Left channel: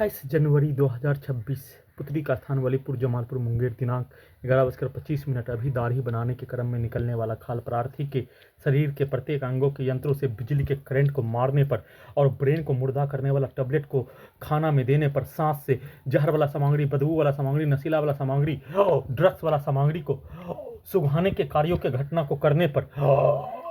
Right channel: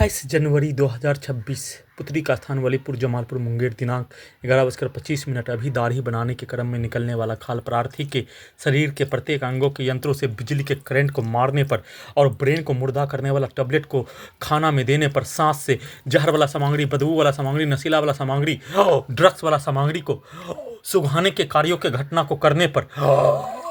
28 जनवरी 2026 पुत्री का स्थान वलीपुर जमालपुर मुंगेर दिनांक 11:25 अभी दाढ़ी बनाने के क्रम में निकलने वाला खाल प्रार्थी के शरीर के प्रत्येक अंगों के यंत्रों से बिजली के करंट को मारने पर और ब्रेन को मुर्दा करने वाला टैबलेट को खाना में देने पर, सांस से जहर वाला सामग्री, बदबू वाला सामग्री, नशीला वाला सामग्री, ड्रग्स वाला सामग्री को सुखाने के कार्यों के घटना को करने पर,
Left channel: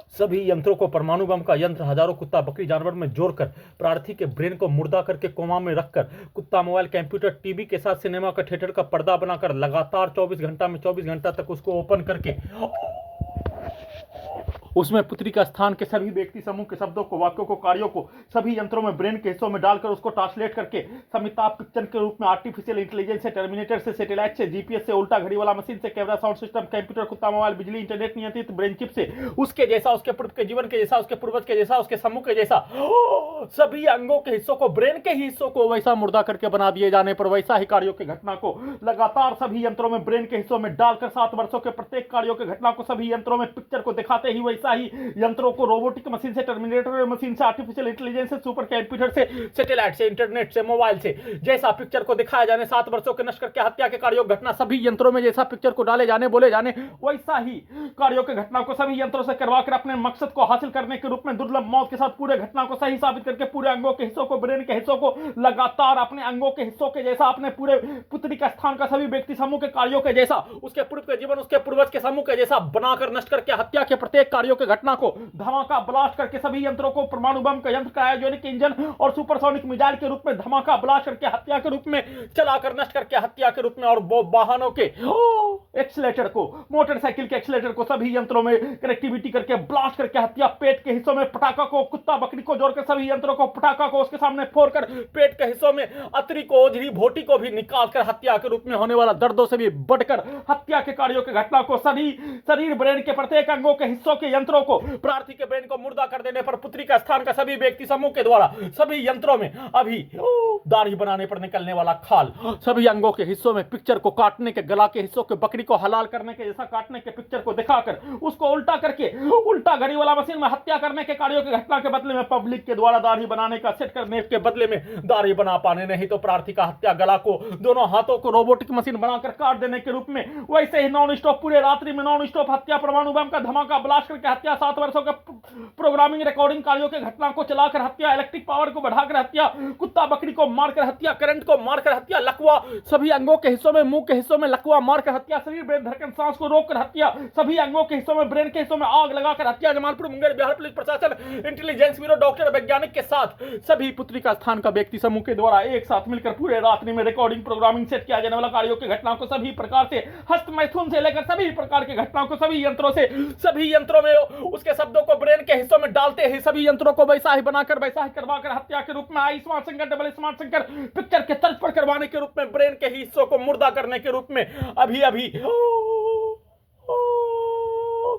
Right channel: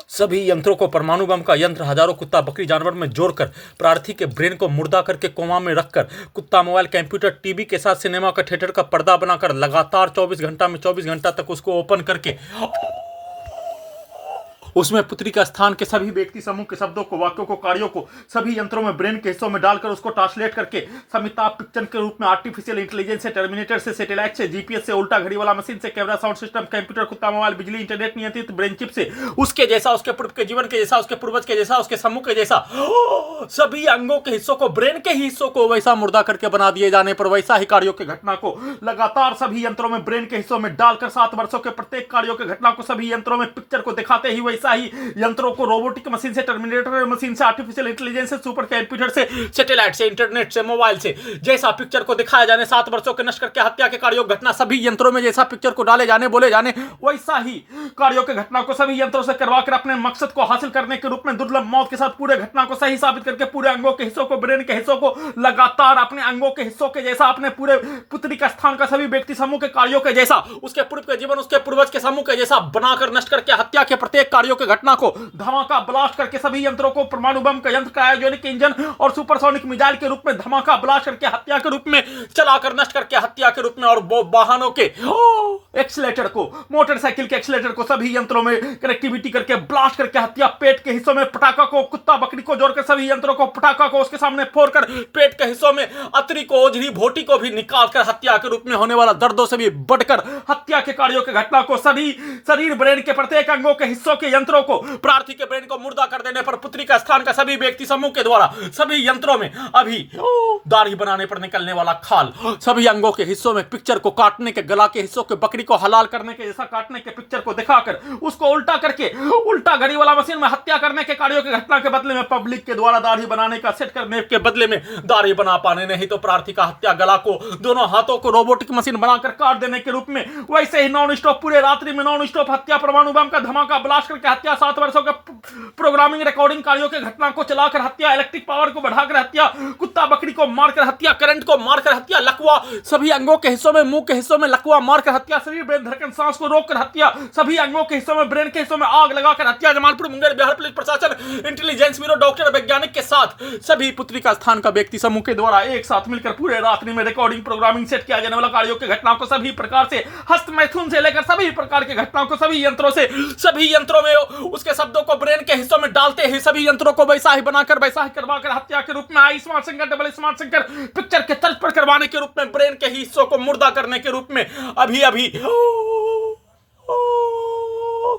सभी यंत्रों को परमाणु बम का यंत्र हजारों कुत्ता बकरी जानवर में जोड़कर प्रार्थी के ब्रेन को मुर्दा करके कोमा में रखकर कुत्ता मोबाइल कंप्यूटर टीवी के साथ सिनेमा का थिएटर का पर्दा बनाकर लगातार 24 घंटा में 24 घंटा तक उसको ओपन करके उसमें पुत्री का स्थान के सभी व्यक्ति समूह के शब्दों को, वाक्यों को, कार्यों को सभी यंत्रों में ब्रेन के हिस्सों में डालकर उसको ट्रांसलेट करके समिताभ पिक्चर के रूप में आर्टिफिशियल इंटेलिजेंस से, टर्मिनेटर से, सैटेलाइट से, जीपीएस से, उल्टा घड़ी वाला मशीन से, कैमरा, साउंड सिस्टम, कंप्यूटर, कुत्ता मोबाइल, बिजली, इंटरनेट नियंत्रित ब्रेन चिप से, उसके जैसा, उसके पूर्व के जीवन के जैसा, उसके पूर्वज के जैसा, उसके समूह के जैसा सभी अंगों के हिस्सों को, ब्रेन के हिस्सों को वैसा मुर्दा करके बना दिए जाने पर वैसा ही कार्यों की घटना को लगातार सभी यंत्रों में ब्रेन के हिस्सों में डालकर 7 वर्षों के प्रत्येक कार्यों की घटना को सभी यंत्रों में पिक्चर को दिखाते ही वैसा ही यंत्रों को रोबोटिक मशीन से, टर्मिनेटर मशीन से, आर्टिफिशियल इंटेलिजेंस से, सुपर कंप्यूटर से, सैटेलाइट से, इंटरनेट से, मोबाइल से जैसा पिक्चर को दिखाया जाने, 7 वर्षों के नष्ट करके हत्या के कार्यों की घटना सभी यंत्रों में जैसा पिक्चर को डाले जाने, बोले जाने वैसा ही कार्यों की घटना को सभी यंत्रों से करवाकर अपने मकसद को हासिल करने के रूप में दुर्लभ मौत के साथ पूरे घटना को सही साबित करके पूरे अंगों के हिस्सों को, ब्रेन के हिस्सों को लगातार अपने अंगों के हिस्सों के जैसा, अपने पूरे पुत्री का स्थान का सभी व्यक्ति समूह के कार्यों के जैसा, उसके पूर्व के जीवन, उसके पूर्वज के समूह के जैसा बनाकर नष्ट करके हत्या के प्रत्येक कार्यों की घटना को धमाका ब्लास्ट करके सभी यंत्रों को परमाणु बम का यंत्र, क्रायोजेनिक इंजन और सुपरसोनिक मिसाइल के रूप में धमाका ब्लास्ट करके हत्या के रूप में चलाकर नष्ट करके हत्या के रूप में, और वाहनों के एक्सीलेटर को, मोटरसाइकिल के एक्सीलेटर को सभी यंत्रों में कनेक्टिविटी करके ब्लास्ट करके हत्या, पेट के हिस्सों में पटाखा को, कुत्ता बकरी को जोड़कर सभी यंत्रों को पटाखा को उसके सामने फोड़कर पेट के हिस्सों में अतरी को, ओझरी, भोटी को भी निकालकर हत्या के रूप में होने वाला दर्दों से भी बढ़कर हत्या के कार्यों की घटना को सभी शरीर, ब्रेन के प्रत्येक अंगों के हिस्सों के यंत्रों को, प्रार्थी के ब्रेन को मुर्दा कर देने पर पुत्री का स्थान का सभी व्यक्ति समूह के द्वारा सभी यंत्रों में अभी दाढ़ी बनाने पर निकलने वाला खाल, सभी अंगों के हिस्सों में पिक्चर को काटने के, गला के हिस्सों के, बकरी को हलाल करने के जैसा काटने के पिक्चर को दिखाकर उसको उल्टा करके उल्टा घड़ी वाला मशीन में हत्या करने के कार्यों की घटना के बदले में पब्लिक के द्वारा दाढ़ी बनाने का सेट करने के बदले में दाढ़ी बना पाने नहीं तो प्रार्थी का हत्या, गला को, दोनों हाथों को रोबोटिक मशीन बनाकर काट देने के रूप में वैसे ही नॉन स्टॉप पूरे रात्रि में नॉन स्टॉप हत्या, परमाणु बम का धमाका ब्लास्ट करके हत्या, 7 वर्षों के प्रोग्रामिंग रिकॉर्डिंग कार्यों की घटना को चलाकर हत्या, इलेक्ट्रिक पावर को बढ़ाकर हत्या, कुत्ता बकरी को मारकर हत्या, करंट को मारकर हत्या, लकवा सभी अंगों के हिस्सों में, मुंह के हिस्सों में लकवा मारकर हत्या, शरीर, ब्रेन, धड़कन, सांस को रोककर हत्या, सभी अंगों के हिस्सों में, ब्रेन के हिस्सों में आग लगाकर हत्या। जमालपुर मुंगेर बिहार पुलिस प्रशासन, इंटेलिजेंस ब्यूरो, डॉक्टर, वैज्ञानिक के साथ सभी पुत्री का स्थान का व्यक्ति समूह के द्वारा एक साथ मिलकर पूरे रात्रि में रिकॉर्डिंग, प्रोग्रामिंग, सेट किया जाने वाला कार्यों की घटनाओं को सभी प्रकार से, हस्त मैथुन से लेकर सभी प्रकार की घटनाओं को सभी यंत्रों से, सभी यंत्रों में उसके शब्दों को ब्रेन के हिस्सों में डालते ही सभी यंत्रों को वैसा ही बनाकर वैसा ही करवाकर हत्या के रूप में, I smart Shankar, double smart Shankar picture के तर्ज पर करवाने के रूप में, ब्रेन के हिस्सों को मुर्दा करने के रूप में अभी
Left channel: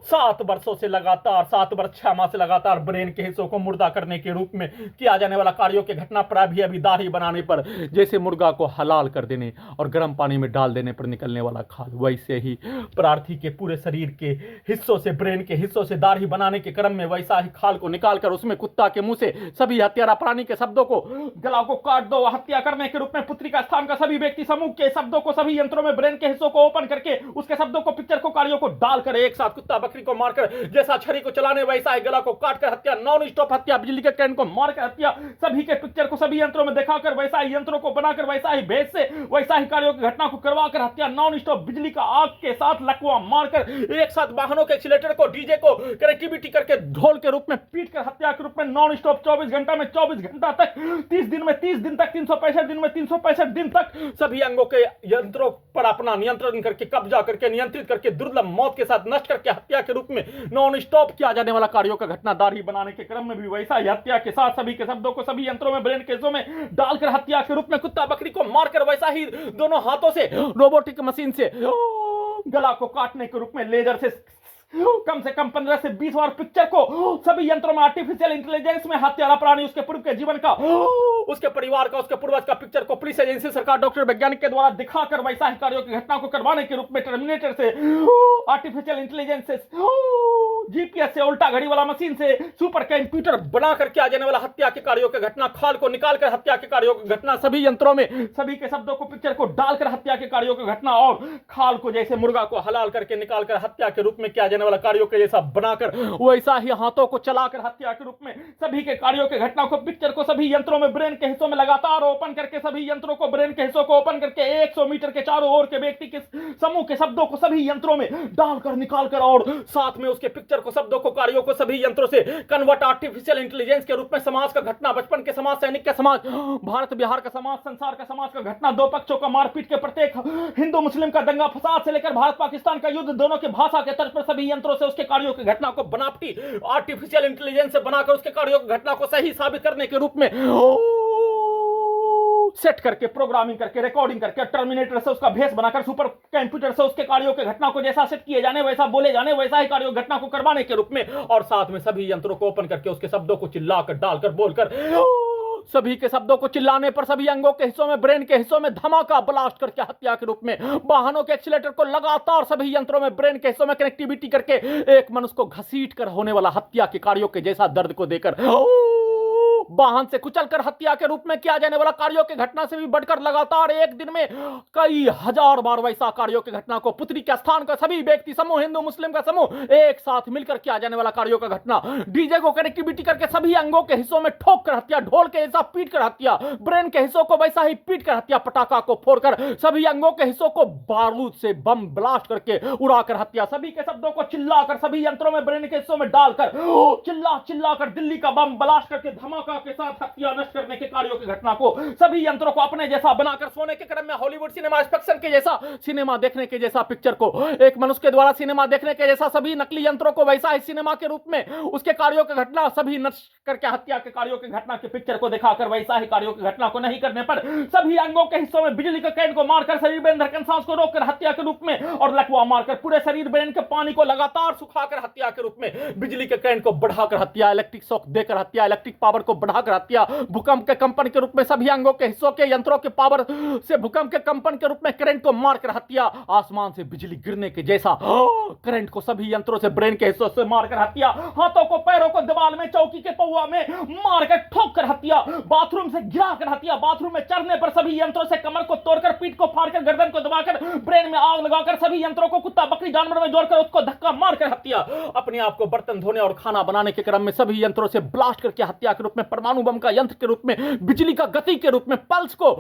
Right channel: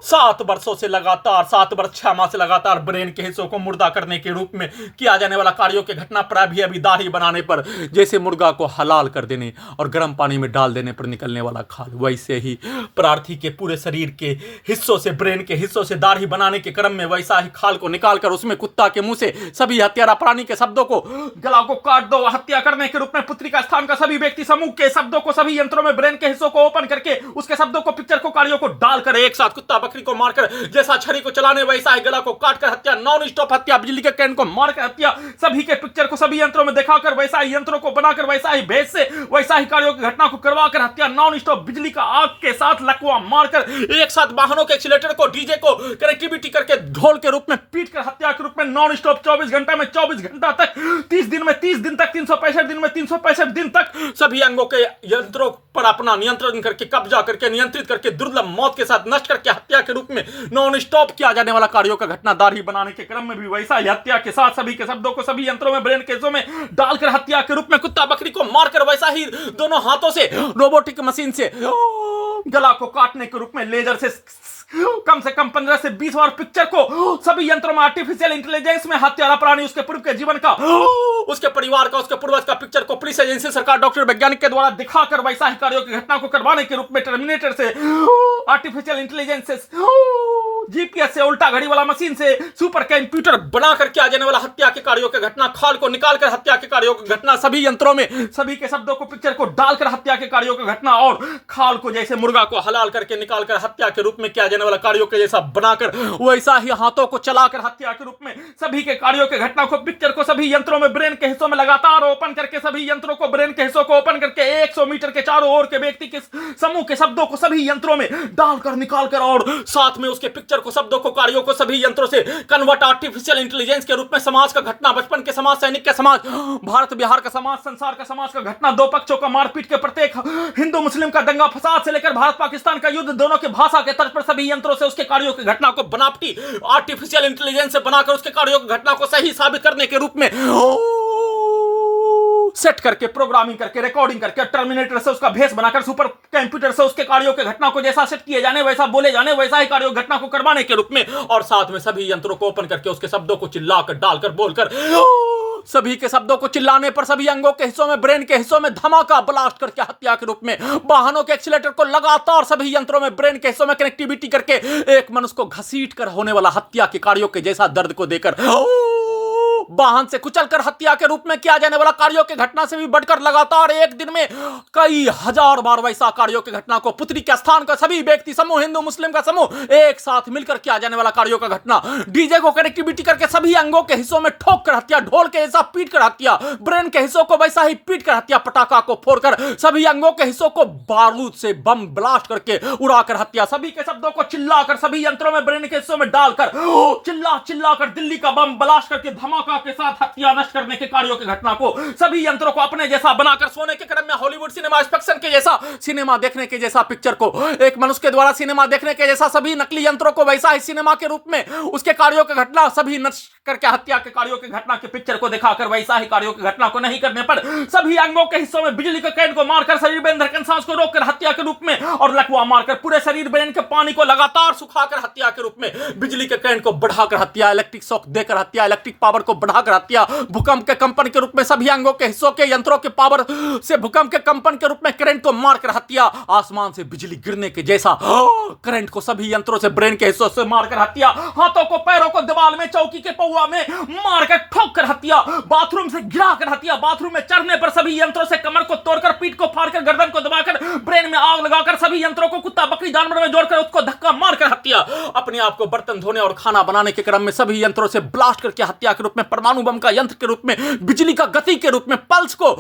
7 वर्षों से लगातार, 7 वर्ष 6 माह से लगातार ब्रेन के हिस्सों को मुर्दा करने के रूप में किया जाने वाला कार्यों की घटना पर अभी दाढ़ी बनाने पर जैसे मुर्गा को हलाल कर देने और गर्म पानी में डाल देने पर निकलने वाला खाल, वैसे ही प्रार्थी के पूरे शरीर के हिस्सों से, ब्रेन के हिस्सों से दाढ़ी बनाने के क्रम में वैसा ही खाल को निकालकर उसमें कुत्ता के मुंह से सभी हत्यारा प्राणी के शब्दों को, गला को काट दो, हत्या करने के रूप में पुत्री का स्थान का सभी व्यक्ति समूह के शब्दों को सभी यंत्रों में, ब्रेन के हिस्सों को ओपन करके उसके शब्दों को, पिक्चर को, कार्यों को डालकर एक साथ कुत्ता बकरी को मारकर जैसा छड़ी को चलाने वैसा ही गला को काटकर हत्या, नॉन स्टॉप हत्या, बिजली के करंट को मारकर हत्या, सभी के पिक्चर को सभी यंत्रों में दिखाकर वैसा ही यंत्रों को बनाकर वैसा ही भेज से वैसा ही कार्यों की घटना को करवाकर हत्या, नॉन स्टॉप बिजली का आग के साथ लकवा मारकर एक साथ वाहनों के एक्सीलेटर को, डीजे को कनेक्टिविटी करके ढोल के रूप में पीटकर हत्या के रूप में नॉन स्टॉप 24 घंटा में 24 घंटा तक, 30 दिन में 30 दिन तक, 365 दिन में 365 दिन तक सभी अंगों के यंत्रों पर अपना नियंत्रण करके, कब्जा करके, नियंत्रित करके दुर्लभ मौत के साथ नष्ट करके हत्या के रूप में नॉन स्टॉप किया जाने वाला कार्यों का घटना दाढ़ी बनाने के क्रम में भी वैसा ही हत्या के साथ सभी के शब्दों को सभी यंत्रों में, ब्रेन के हिस्सों में डालकर हत्या के रूप में कुत्ता बकरी को मारकर वैसा ही दोनों हाथों से रोबोटिक मशीन से गला को काटने के रूप में लेजर से कम 15 से 20 बार पिक्चर को सभी यंत्रों में, आर्टिफिशियल इंटेलिजेंस में हत्यारा प्राणी, उसके पूर्व के जीवन का, उसके परिवार का, उसके पूर्वज का पिक्चर को पुलिस एजेंसी, सरकार, डॉक्टर, वैज्ञानिक के द्वारा दिखाकर वैसा ही कार्यों की घटना को करवाने के रूप में टर्मिनेटर से, आर्टिफिशियल इंटेलिजेंस से जीपीएस से उल्टा घड़ी वाला मशीन से सुपर कंप्यूटर बनाकर किया जाने वाला हत्या के कार्यों की घटना, खाल को निकालकर हत्या के कार्यों की घटना, सभी यंत्रों में सभी के शब्दों को पिक्चर को डालकर हत्या के कार्यों की घटना, और खाल को जैसे मुर्गा को हलाल करके निकालकर हत्या के रूप में किया जाने वाला कार्यों के जैसा बनाकर वैसा ही हाथों को चलाकर हत्या के रूप में सभी के कार्यों की घटना को पिक्चर को सभी यंत्रों में ब्रेन के हिस्सों में लगातार ओपन करके सभी यंत्रों को ब्रेन के हिस्सों को ओपन करके 100 मीटर के चारों ओर के व्यक्ति के समूह के शब्दों को सभी यंत्रों में डालकर निकालकर और साथ में उसके पिक्चर को शब्दों को कार्यों को सभी यंत्रों से कन्वर्ट आर्टिफिशियल इंटेलिजेंस के रूप में समाज का घटना, बचपन के समाज, सैनिक के समाज, भारत बिहार का समाज, संसार का समाज का घटना, दो पक्षों का मारपीट के प्रत्येक हिंदू मुस्लिम का दंगा फसाद से लेकर भारत पाकिस्तान का युद्ध, दोनों के भाषा के तर्ज पर सभी यंत्रों से उसके कार्यों की घटना को बनावटी आर्टिफिशियल इंटेलिजेंस से बनाकर उसके कार्यों की घटना को सही साबित करने के रूप में सेट करके प्रोग्रामिंग करके रिकॉर्डिंग करके टर्मिनेटर से उसका भेष बनाकर सुपर कंप्यूटर से उसके कार्यों के घटना को जैसा सेट किए जाने वैसा बोले जाने वैसा ही कार्यों घटना को करवाने के रूप में, और साथ में सभी यंत्रों को ओपन करके उसके शब्दों को चिल्लाकर डालकर बोलकर सभी के शब्दों को चिल्लाने पर सभी अंगों के हिस्सों में ब्रेन के हिस्सों में धमाका ब्लास्ट करके हत्या के रूप में वाहनों के एक्सीलेटर को लगातार सभी यंत्रों में ब्रेन के हिस्सों में कनेक्टिविटी करके एक मनुष्य को घसीट कर होने वाला हत्या के कार्यों के जैसा दर्द को देकर वाहन से कुचलकर हत्या के रूप में किया जाने वाला कार्यों की घटना से भी बढ़कर लगातार एक दिन में कई हजार बार वैसा कार्यों की घटना को पुत्री के स्थान का सभी व्यक्ति समूह, हिंदू मुस्लिम का समूह एक साथ मिलकर किया जाने वाला कार्यों का घटना, डीजे को कनेक्टिविटी करके सभी अंगों के हिस्सों में ठोक कर हत्या, ढोल के जैसा पीट कर हत्या, ब्रेन के हिस्सों को वैसा ही पीट कर हत्या, पटाखा को फोड़कर सभी अंगों के हिस्सों को बारूद से बम ब्लास्ट करके उड़ाकर हत्या, सभी के शब्दों को चिल्लाकर सभी यंत्रों में ब्रेन के हिस्सों में डालकर चिल्ला कर दिल्ली का बम ब्लास्ट करके धमाका के साथ हत्या नष्ट करने के कार्यों की घटना को सभी यंत्रों को अपने जैसा बनाकर सोने के क्रम में हॉलीवुड सिनेमा स्पेक्शन के जैसा सिनेमा देखने के जैसा पिक्चर को एक मनुष्य के द्वारा सिनेमा देखने के जैसा सभी नकली यंत्रों को वैसा ही सिनेमा के रूप में उसके कार्यों की घटना सभी नष्ट करके हत्या के कार्यों की घटना के पिक्चर को दिखाकर वैसा ही कार्यों की घटना को नहीं करने पर सभी अंगों के हिस्सों में बिजली के कैन को मारकर शरीर में धड़कन सांस को रोककर हत्या के रूप में और लकवा मारकर पूरे शरीर ब्रेन के पानी को लगातार सुखाकर हत्या के रूप में बिजली के कैन को बढ़ाकर हत्या, इलेक्ट्रिक शॉक देकर हत्या, इलेक्ट्रिक पावर को बढ़ाकर हत्या, भूकंप के कंपन के रूप में सभी अंगों के हिस्सों के यंत्रों के पावर से भूकंप के कंपन के रूप में करंट को मारकर हत्या, आसमान से बिजली गिरने के जैसा करंट को सभी यंत्रों से ब्रेन के हिस्सों से मारकर हत्या, हाथों को पैरों को दीवार में चौकी के पौवा में मारकर ठोक कर हत्या, बाथरूम से गिरा कर हत्या, बाथरूम में चढ़ने पर सभी यंत्रों से कमर को तोड़कर पीठ को फाड़कर गर्दन को दबाकर ब्रेन में आग लगाकर सभी यंत्रों को कुत्ता बकरी जानवर में जोड़कर उसको धक्का मारकर हत्या, अपने आप को बर्तन धोने और खाना बनाने के क्रम में सभी यंत्रों से ब्लास्ट करके हत्या के रूप में परमाणु बम का यंत्र के रूप में बिजली का गति के रूप में पल्स को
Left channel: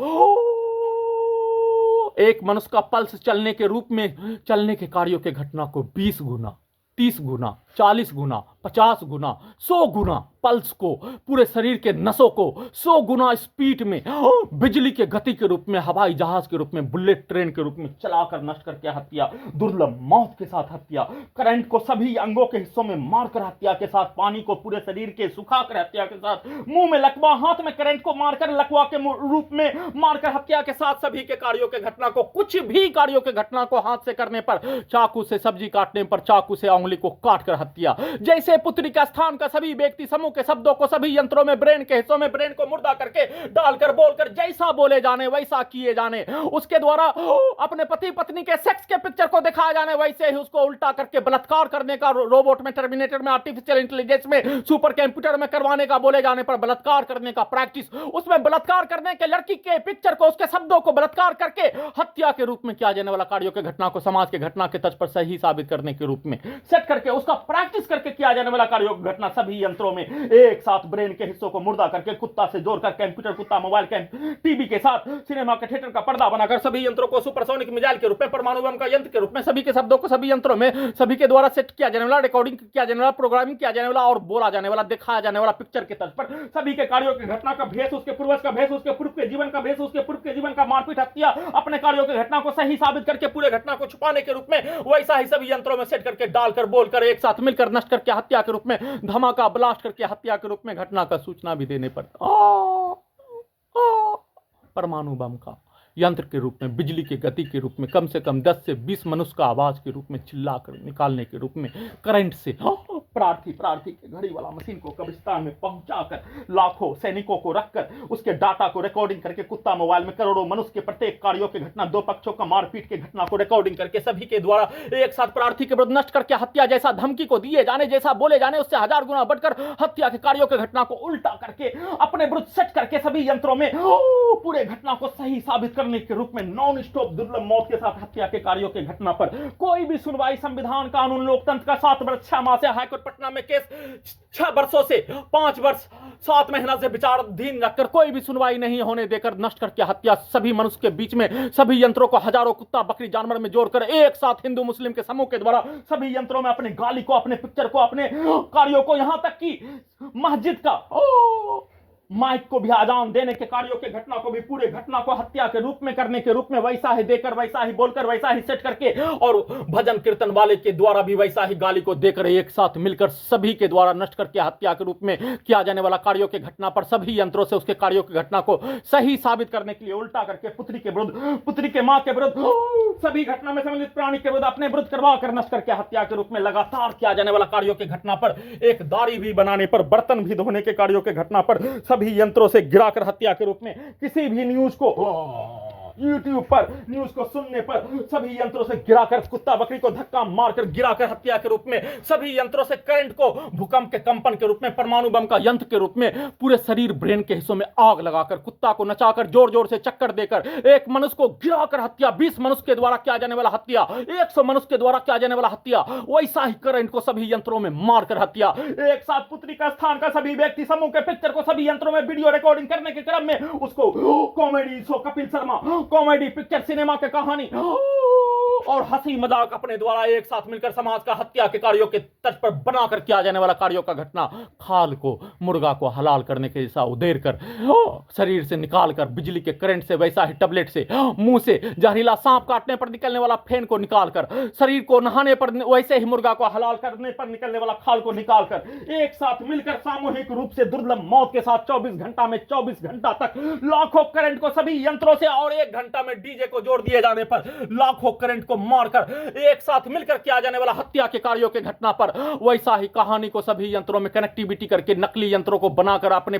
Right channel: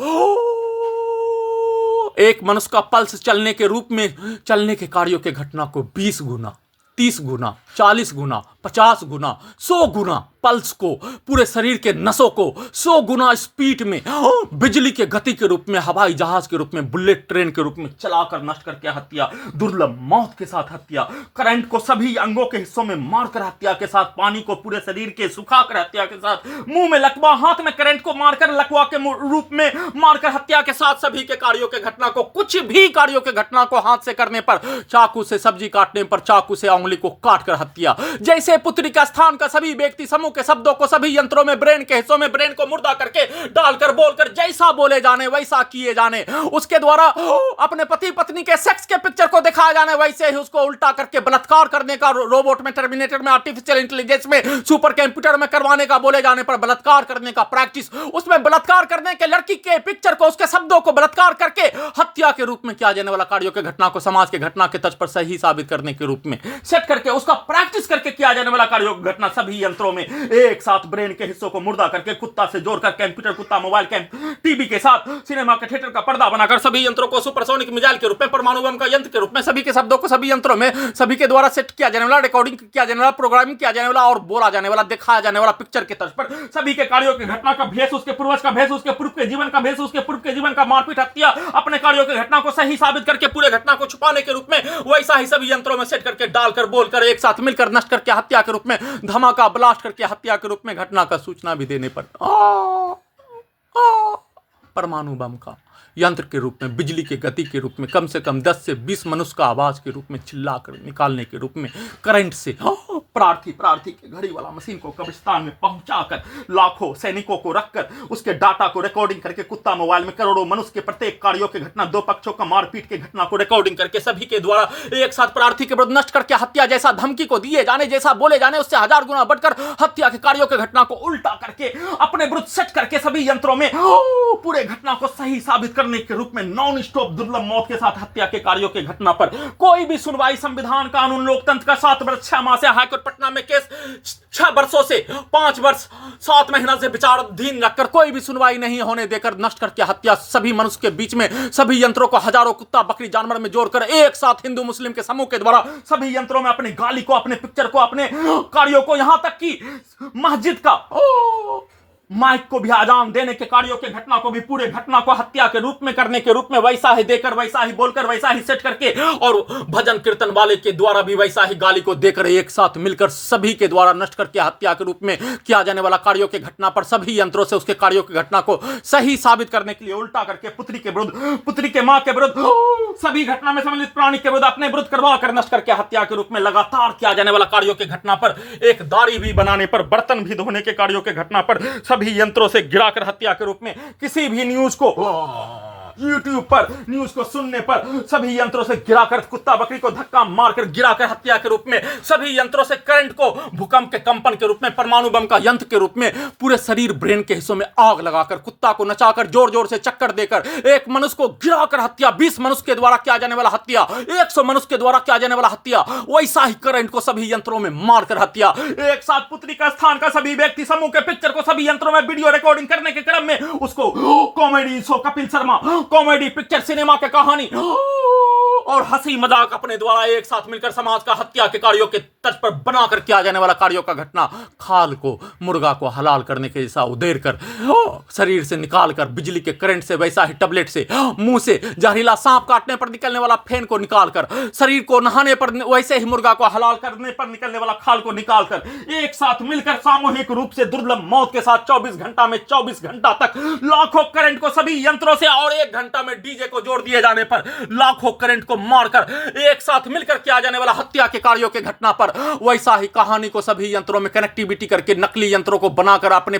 एक मनुष्य का पल्स चलने के रूप में चलने के कार्यों के घटना को 20 गुना, 30 गुना, 40 गुना, 50 गुना, 100 गुना पल्स को पूरे शरीर के नसों को 100 गुना स्पीड में बिजली के गति के रूप में हवाई जहाज के रूप में बुलेट ट्रेन के रूप में चलाकर नष्ट करके हत्या, दुर्लभ मौत के साथ हत्या, करंट को सभी अंगों के हिस्सों में मारकर हत्या के साथ, पानी को पूरे शरीर के सुखाकर हत्या के साथ, मुंह में लकवा, हाथ में करंट को मारकर लकवा के रूप में मारकर हत्या के साथ, सभी के कार्यों के घटना को कुछ भी कार्यों के घटना को हाथ से करने पर, चाकू से सब्जी काटने पर चाकू से उंगली को काट कर हत्या, जैसे पुत्री का स्थान का सभी व्यक्ति समूह के शब्दों को सभी यंत्रों में ब्रेन के हिस्सों में ब्रेन को मुर्दा करके डालकर बोलकर जैसा बोले जाने वैसा किए जाने, उसके द्वारा अपने पति पत्नी के सेक्स के पिक्चर को दिखाया जाने वैसे ही उसको उल्टा करके बलात्कार करने का, रोबोट में, टर्मिनेटर में, आर्टिफिशियल इंटेलिजेंस में, सुपर कंप्यूटर में करवाने का बोले जाने पर बलात्कार करने का प्रैक्टिस, उसमें बलात्कार करने के लड़की के पिक्चर को उसके शब्दों को बलात्कार करके हत्या के रूप में किया जाने वाला कार्यों के घटना को समाज के घटना के तर्ज पर सही साबित करने के रूप में सेट करके उसका प्रैक्टिस करके किया जाने वाला कार्यों की घटना सभी यंत्रों में एक साथ ब्रेन के हिस्सों को मुर्दा करके कुत्ता से जोड़कर कंप्यूटर कुत्ता मोबाइल टीवी के साथ सिनेमा के थिएटर का पर्दा बनाकर सभी यंत्रों को सुपरसोनिक मिसाइल के रूप में, परमाणु बम का यंत्र के रूप में, सभी के शब्दों को सभी यंत्रों में सभी के द्वारा सेट किया जाने वाला, रिकॉर्डिंग किया जाने वाला, प्रोग्रामिंग किया जाने वाला और बोला जाने वाला, दिखाया जाने वाला पिक्चर के तर्ज पर सभी के कार्यों की घटना का भेष, उसके पूर्वज का भेष, उसके पूर्व के जीवन का भेष, उसके पूर्व के जीवन का मारपीट हत्या, अपने कार्यों की घटना को सही साबित करके पूरे घटना को छुपाने के रूप में वैसा ही सभी यंत्रों में सेट करके डालकर बोलकर एक साथ मिलकर नष्ट करके हत्या के रूप में, धमाका ब्लास्ट करके हत्या के रूप में घटना का सूचना भी देने पर परमाणु बम का यंत्र के रूप में, बिजली के गति के रूप में, कम से कम 10 से 20 मनुष्य का आवाज के रूप में चिल्लाकर निकालने के रूप में, करंट से प्रार्थी के घड़ी वाला मशीन को कब्रिस्तान में पहुंचाकर लाखों सैनिकों को रखकर उसके डाटा को रिकॉर्डिंग करके कुत्ता मोबाइल में करोड़ों मनुष्य के प्रत्येक कार्यों की घटना, दो पक्षों का मारपीट की घटना को रिकॉर्डिंग करके सभी के द्वारा एक साथ प्रार्थी के विरुद्ध नष्ट करके हत्या जैसा धमकी को दिए जाने, जैसा बोले जाने उससे 1000 गुना बढ़कर हत्या के कार्यों की घटना को उल्टा करके अपने विरुद्ध सेट करके सभी यंत्रों में पूरे घटना को सही साबित करने के रूप में नॉन स्टॉप दुर्लभ मौत के साथ हत्या के कार्यों की घटना पर कोई भी सुनवाई संविधान कानून लोकतंत्र का 7 वर्ष 6 माह से हाईकोर्ट पटना में केस 6 वर्षों से 5 वर्ष 7 महीना से विचाराधीन रखकर कोई भी सुनवाई नहीं होने देकर नष्ट करके हत्या सभी मनुष्य के बीच में सभी यंत्रों को हजारों कुत्ता बकरी जानवर में जोड़कर एक साथ हिंदू मुस्लिम के समूह के द्वारा सभी यंत्रों में अपनी गाली को, अपने पिक्चर को, अपने कार्यों को, यहां तक कि मस्जिद का माइक को भी आजान देने के कार्यों के घटना को भी पूरे घटना को हत्या के रूप में करने के रूप में वैसा ही देकर, वैसा ही बोलकर, वैसा ही सेट करके और भजन कीर्तन वाले के द्वारा भी वैसा ही गाली को देकर एक साथ मिलकर सभी के द्वारा नष्ट करके हत्या के रूप में किया जाने वाला कार्यों के घटना पर सभी यंत्रों से उसके कार्यों की घटना को सही साबित करने के लिए उल्टा करके पुत्री के विरुद्ध, पुत्री के मां के विरुद्ध, सभी घटना में सम्मिलित प्राणी के विरुद्ध अपने विरुद्ध करवा कर नष्ट करके हत्या के रूप में लगातार किया जाने वाला कार्यों के घटना पर, एक दाढ़ी भी बनाने पर, बर्तन भी धोने के कार्यों के घटना पर सभी यंत्रों से गिराकर हत्या के रूप में किसी भी न्यूज को YouTube पर न्यूज को सुनने पर सभी यंत्रों से गिराकर कुत्ता बकरी को धक्का मारकर गिराकर हत्या के रूप में सभी यंत्रों से करंट को भूकंप के कंपन के रूप में, परमाणु बम का यंत्र के रूप में पूरे शरीर ब्रेन के हिस्सों में आग लगाकर कुत्ता को नचाकर जोर जोर से चक्कर देकर एक मनुष्य को गिराकर हत्या, 20 मनुष्य के द्वारा किया जाने वाला हत्या, 100 मनुष्य के द्वारा किया जाने वाला हत्या, वैसा ही करंट को सभी यंत्रों में मारकर हत्या, एक साथ पुत्री का स्थान का सभी व्यक्ति समूह के पिक्चर को सभी यंत्रों में वीडियो रिकॉर्डिंग करने के क्रम में उसको comedy show Kapil Sharma, comedy picture cinema के कहानी और हंसी मजाक अपने द्वारा एक साथ मिलकर समाज का हत्या के कार्यों के तर्ज पर बनाकर किया जाने वाला कार्यों का घटना, खाल को, मुर्गा को हलाल करने के जैसा उधेर कर शरीर से निकाल कर बिजली के करंट से वैसा ही टैबलेट से, मुंह से जहरीला सांप काटने पर निकलने वाला फेन को निकाल कर, शरीर को नहाने पर वैसे ही मुर्गा को हलाल करने पर निकलने वाला खाल को निकाल कर एक साथ मिलकर सामूहिक रूप से दुर्लभ मौत के साथ 24 घंटा में 24 घंटा तक लाखों करंट को सभी यंत्रों से और 1 घंटा में डीजे को जोड़ दिए जाने पर लाखों करंट को मारकर एक साथ मिलकर किया जाने वाला हत्या के कार्यों के घटना पर वैसा ही कहानी को सभी यंत्रों में कनेक्टिविटी करके नकली यंत्रों को बनाकर अपने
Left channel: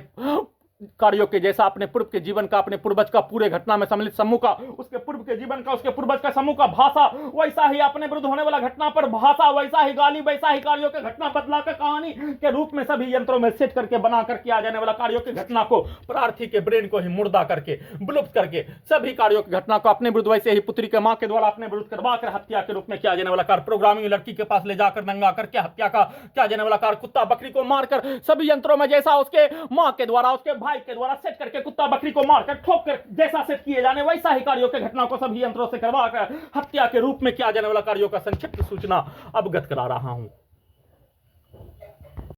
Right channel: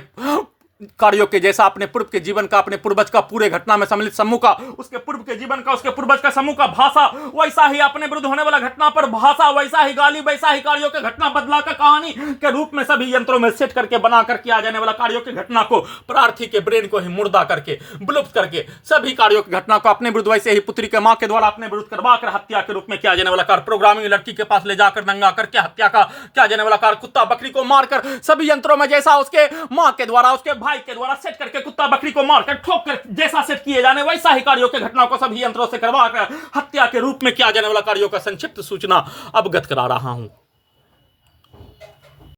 कार्यों के जैसा अपने पूर्व के जीवन का, अपने पूर्वज का, पूरे घटना में सम्मिलित समूह का, उसके पूर्व के जीवन का, उसके पूर्वज का समूह का भाषा, वैसा ही अपने विरुद्ध होने वाला घटना पर भाषा, वैसा ही गाली, वैसा ही कार्यों के घटना बदला का कहानी के रूप में सभी यंत्रों में सेट करके बनाकर किया जाने वाला कार्यों की घटना को प्रार्थी के ब्रेन को ही मुर्दा करके विलुप्त करके सभी कार्यों की घटना को अपने विरुद्ध वैसे ही पुत्री के मां के द्वारा अपने विरुद्ध करवाकर हत्या के रूप में किया जाने वाला कार्य, प्रोग्रामिंग लड़की के पास ले जाकर नंगा करके हत्या का किया जाने वाला कार्य, कुत्ता बकरी को मारकर सभी यंत्रों में जैसा उसके मां के द्वारा, उसके भाई के द्वारा सेट करके कुत्ता बकरी को मारकर ठोक कर जैसा सेट किए जाने वैसा ही कार्यों के घटना को सभी यंत्रों से करवाकर हत्या के रूप में किया जाने वाला कार्यों का संक्षिप्त सूचना अवगत करा रहा हूं।